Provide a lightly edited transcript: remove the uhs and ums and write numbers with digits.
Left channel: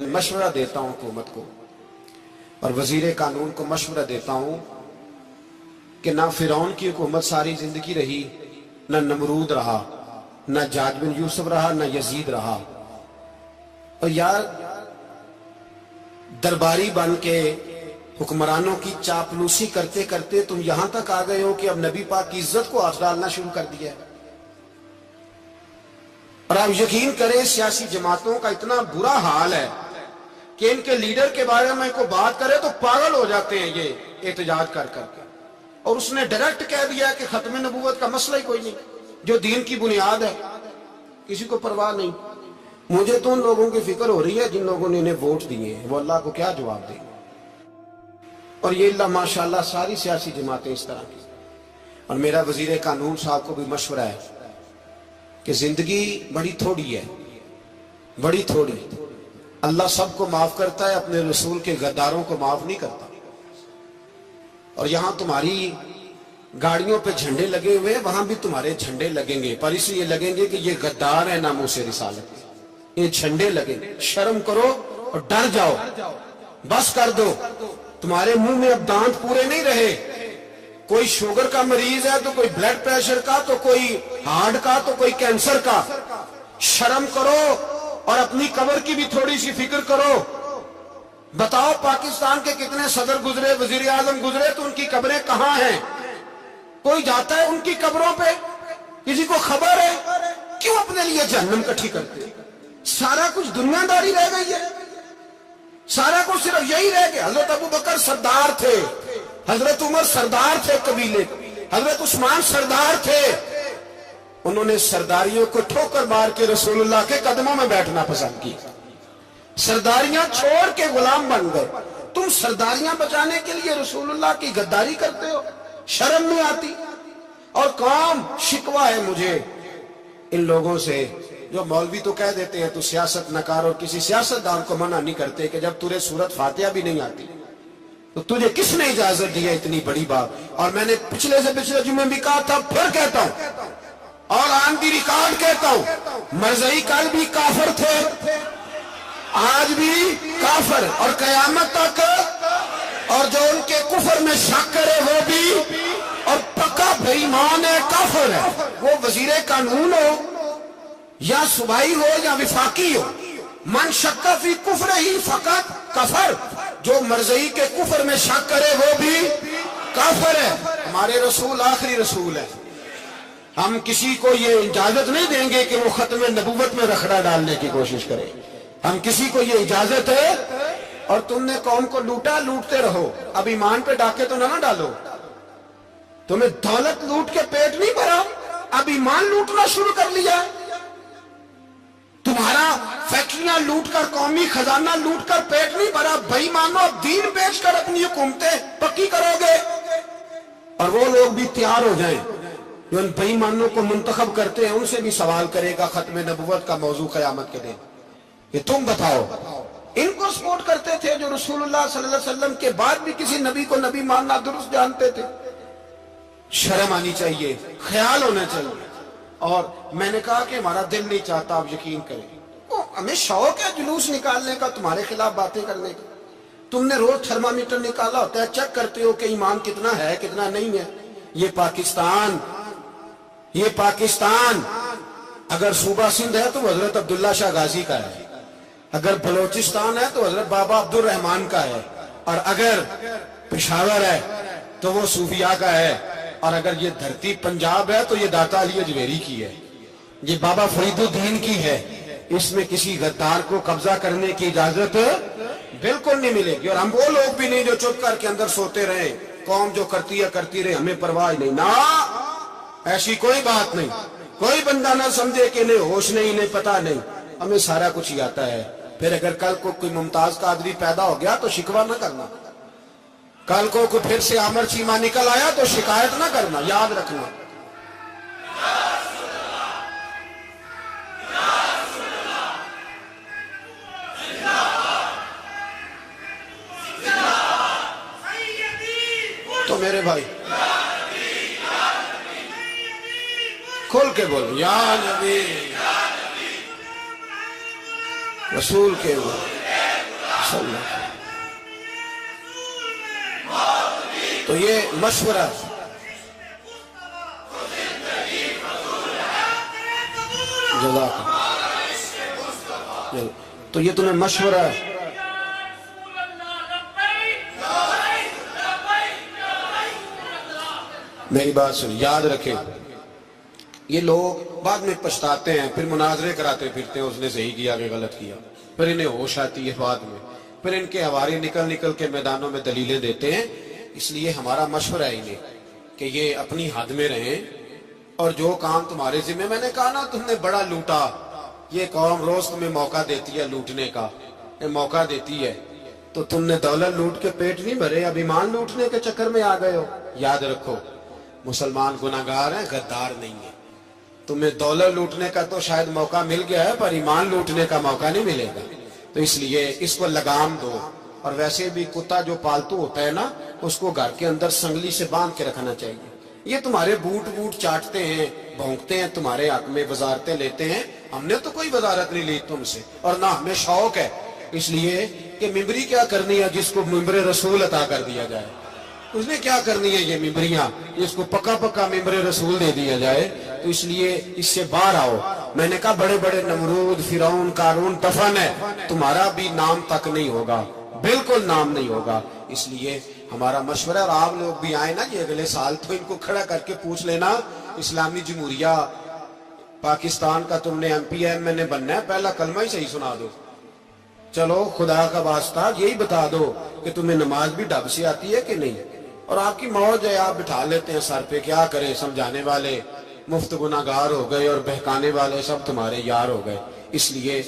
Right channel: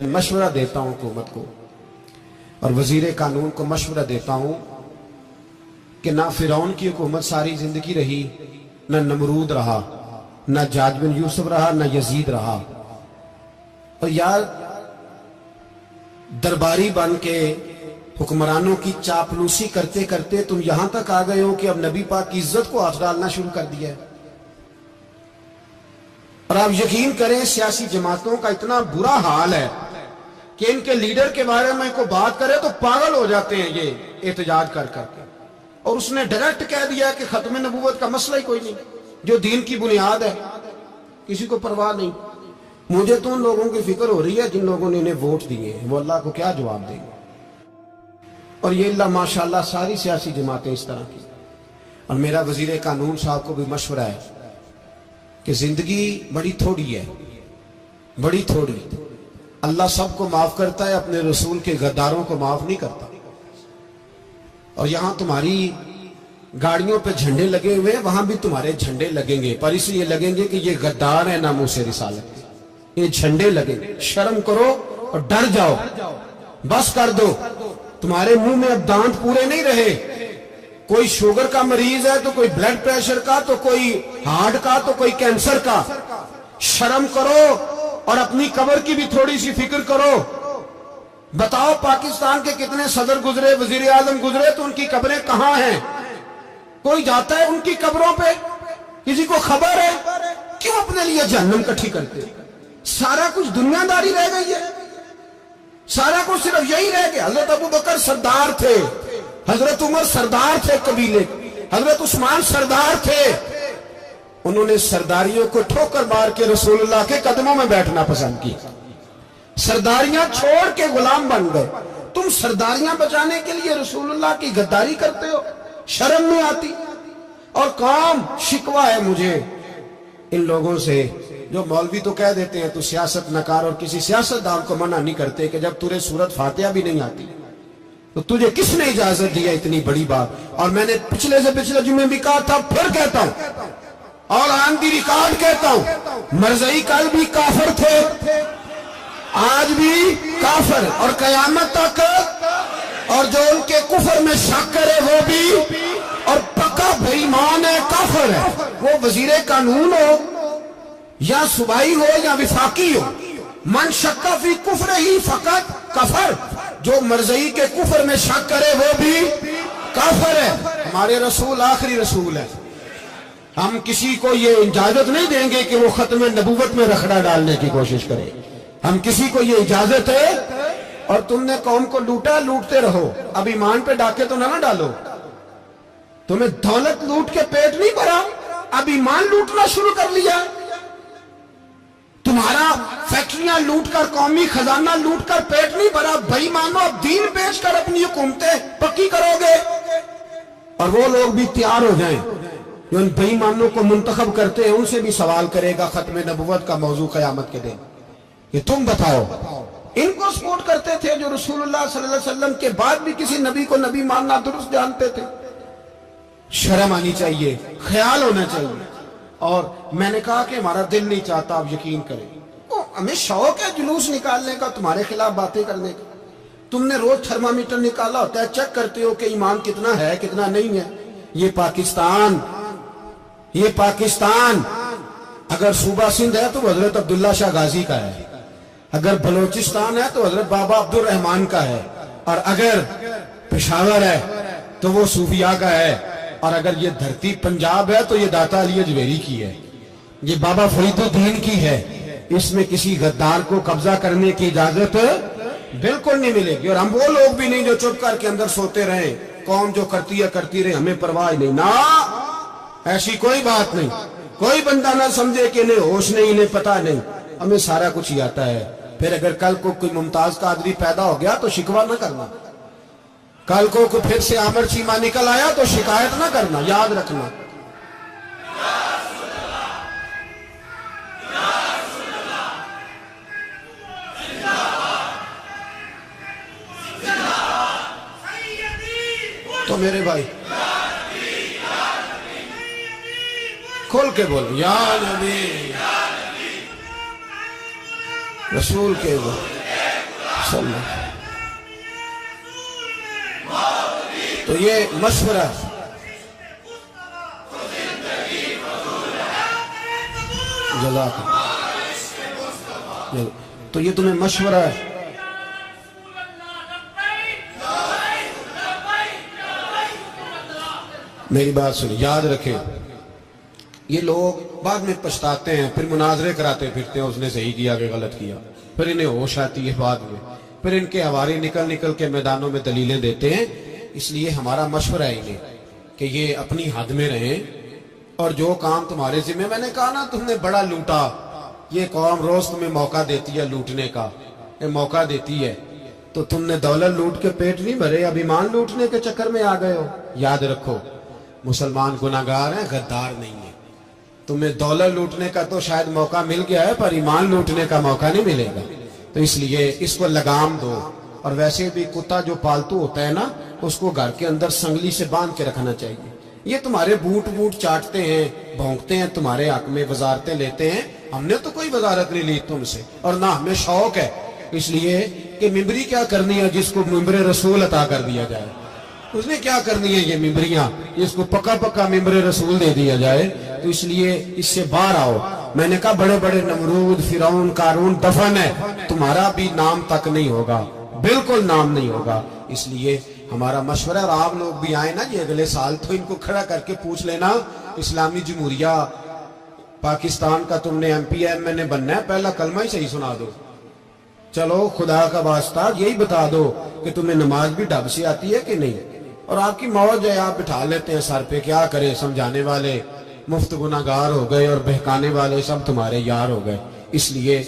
मशवरा देता हूं हुकूमत को और वजीर कानून को मशवरा देता हूं कि ना फिरौन की हुकूमत सारी जिंदगी रही, ना नमरूद रहा, ना जाज बिन यूसुफ रहा, ना यजीद रहा। और यार दरबारी बन के हुक्मरानों की चापलूसी करते करते तुम यहां तक आ गए हो कि अब नबी पाक की इज्जत को हाथ डालना शुरू कर दिया है। और आप यकीन करें सियासी जमातों का इतना बुरा हाल है कि इनके लीडर के बारे में कोई बात करे तो पागल हो जाते हैं ये एहतजाज कर करके। और उसने डायरेक्ट कह दिया कि खत्म नबूवत का मसला ही कोई नहीं, जो दीन की बुनियाद है, किसी को परवाह नहीं। मुझे तो उन लोगों की फिक्र हो रही है जिन लोगों ने इन्हें वोट दिए हैं, वो अल्लाह को क्या जवाब देंगे। और ये अल्लाह माशाल्लाह सारी सियासी जमातें इस तरह की। और मेरा वजीर कानून साहब को भी मशवरा है कि जिंदगी बड़ी थोड़ी है, बड़ी थोड़ी। अल्लाह सबको माफ करता है, अपने रसूल के गद्दारों को माफ नहीं करता। और यहां तुम्हारी गाड़ियों पे झंडे लगे हुए हैं, वहां भी तुम्हारे झंडे लगेंगे, पर इसलिए लगेंगे कि ये गद्दार है नामूसे रिसालत के। ये झंडे लगेंगे। शर्म करो और डर जाओ, बस कर दो। तुम्हारे मुंह में अब दांत पूरे नहीं रहे। कोई शुगर का मरीज है तो कोई ब्लड प्रेशर का, तो कोई हार्ट का, तो कोई कैंसर का। शर्म करो और अपनी कब्र की भी थोड़ी सी फिक्र करो। बताओ पाकिस्तान के कितने सदर गुजरे, वजीर आजम गुजरे, तो उनकी कब्रें कहां हैं? कोई जाता है उनकी कब्रों पे? किसी को खबर है? क्यों अपने लिए जहन्नम इकट्ठी करते? सारा कुछ दुनियादारी रह गई है, सारा कुछ सिर्फ यही रह गया। हजरत अबू बकर सरदार थे, हजरत उमर सरदार थे कबीले, हजरत उस्मान सरदार थे। उन्होंने सरदारियों को ठोकर मार के रसूलुल्लाह के कदमों में बैठना पसंद किया। सरदारियां छोड़ के गुलाम बन गए। तुम सरदारियां बचाने के लिए रसूलुल्लाह की गद्दारी करते हो, शर्म नहीं आती। और काम शिकवा है मुझे इन लोगों से जो मौलवी तो कह देते हैं तू सियासत नकार, और किसी सियासतदान को मना नहीं करते कि जब तुझे सूरत फातिहा भी नहीं आती तो तुझे किसने इजाजत दी है इतनी बड़ी बात। और मैंने पिछले से पिछले जुम्मे भी कहा था, फिर कहता हूं और ऑन दी रिकॉर्ड कहता हूं, मरज़ई कल भी काफिर थे, आज भी काफिर और कयामत तक। और जो उनके कुफर में शक करे वो भी, और पक्का बेईमान है, काफिर है। वो वजीर कानून हो या सूबाई हो या विफाकी हो, मन शक्का फी कुफर ही फकत कफर। जो मरज़ई के कुफर में शक करे वो भी काफिर है। हमारे रसूल आखिरी रसूल है। हम किसी को ये इजाजत नहीं देंगे कि वो खत्म नबूवत में रखड़ा डालने की कोशिश करे। हम किसी को ये इजाजत है। और तुमने कौम को लूटा, लूटते रहो, अब ईमान पे डाके तो ना डालो। तुम्हें दौलत लूट के पेट नहीं भरा, अब ईमान लूटना शुरू कर लिया। तुम्हारा फैक्ट्रियां लूटकर, कौमी खजाना लूटकर पेट नहीं भरा, भाई मानो अब दीन बेचकर अपनी हुकूमतें पक्की करोगे। और वो लोग भी तैयार हो जाएं जो इन बेईमानों को मुंतखब करते हैं, उनसे भी सवाल करेगा खत्म नबुव्वत का मौजू कयामत के दिन कि तुम बताओ। इनको सपोर्ट करते थे जो रसूलुल्लाह सल्लल्लाहु अलैहि वसल्लम के बाद भी किसी नबी को नबी मानना दुरुस्त जानते थे। शर्म आनी चाहिए, ख्याल होना चाहिए। और मैंने कहा कि हमारा दिल नहीं चाहता, आप यकीन करें, हमें शौक है जुलूस निकालने का, तुम्हारे खिलाफ बातें करने का। तुमने रोज थर्मामीटर निकाला होता है, चेक करते हो कि ईमान कितना है कितना नहीं है। ये पाकिस्तान, ये पाकिस्तान अगर सूबा सिंध है तो हजरत अब्दुल्ला शाह गाजी का है, अगर बलोचिस्तान है तो हजरत बाबा अब्दुल रहमान का है, और अगर पेशावर है तो वो सूफिया का है, और अगर ये धरती पंजाब है तो ये दाता अली अजमेरी की है, ये बाबा फरीदुद्दीन की है। इसमें किसी गद्दार को कब्जा करने की इजाजत बिल्कुल नहीं मिलेगी। और हम वो लोग भी नहीं जो चुप करके अंदर सोते रहे, कौम जो करती है करती रहे, हमें परवाह नहीं। ना, ऐसी कोई बात नहीं। कोई बंदा ना समझे कि इन्हें होश नहीं, इन्हें पता नहीं, हमें सारा कुछ ही आता है। फिर अगर कल को कोई मुमताज कादरी पैदा हो गया तो शिकवा ना करना, कल को कोई फिर से आमर चीमा निकल आया तो शिकायत ना करना, याद रखना। तो मेरे भाई खोल के बोल, या नबी रसूल के बोल। صلی اللہ۔ تو یہ مشورہ جزاک اللہ، تو یہ تمہیں مشورہ ہے۔ میری بات سنیں، یاد رکھیں، یہ لوگ بعد میں پچھتاتے ہیں، پھر مناظرے کراتے پھرتے ہیں اس نے صحیح کیا کہ غلط کیا، پھر انہیں ہوش آتی ہے بعد میں، پھر ان کے ہواری نکل نکل کے میدانوں میں دلیلیں دیتے ہیں۔ اس لیے ہمارا مشورہ ہے انہیں کہ یہ اپنی حد میں رہیں، اور جو کام تمہارے ذمہ، میں نے کہا نا تم نے بڑا لوٹا، یہ قوم روز تمہیں موقع دیتی ہے لوٹنے کا، یہ موقع دیتی ہے، تو تم نے دولت لوٹ کے پیٹ نہیں بھرے، اب ایمان لوٹنے کے چکر میں آ گئے ہو۔ یاد رکھو، مسلمان گناہگار ہیں، غدار نہیں ہیں۔ تمہیں دولت لوٹنے کا تو شاید موقع مل گیا ہے، پر ایمان لوٹنے کا موقع نہیں ملے گا، تو اس لیے اس کو لگام دو۔ اور ویسے بھی کتا جو پالتو ہوتا ہے نا، اس کو گھر کے اندر سنگلی سے باندھ کے رکھنا چاہیے۔ یہ تمہارے بوٹ چاٹتے ہیں، بھونکتے ہیں تمہارے حق میں، وزارتیں لیتے ہیں، ہم نے تو کوئی وزارت نہیں لی تم سے، اور نہ ہمیں شوق ہے، اس لیے کہ ممبری کیا کرنی ہے جس کو ممبر رسول عطا کر دیا جائے، اس نے کیا کرنی ہے یہ ممبریاں جس کو پکا ممبر رسول دے دیا جائے، تو اس لیے اس سے باہر آؤ۔ میں نے کہا بڑے بڑے نمرود، فرعون، قارون دفن ہے، تمہارا بھی نام تک نہیں ہوگا، بالکل نام نہیں ہوگا۔ اس لیے ہمارا مشورہ، اور آپ لوگ بھی آئیں نا یہ اگلے سال، تو ان کو کھڑا کر کے پوچھ لینا، اسلامی جمہوریہ پاکستان کا تم نے MP بننا ہے، پہلا کلمہ ہی صحیح سنا دو، چلو خدا کا واسطہ یہی بتا دو کہ تمہیں نماز بھی ڈھب سے آتی ہے کہ نہیں، اور آپ کی موج ہے، آپ بٹھا لیتے ہیں سر پہ، کیا کرے، سمجھانے والے مفت گناہگار ہو گئے اور بہکانے والے سب تمہارے یار ہو گئے۔ اس لیے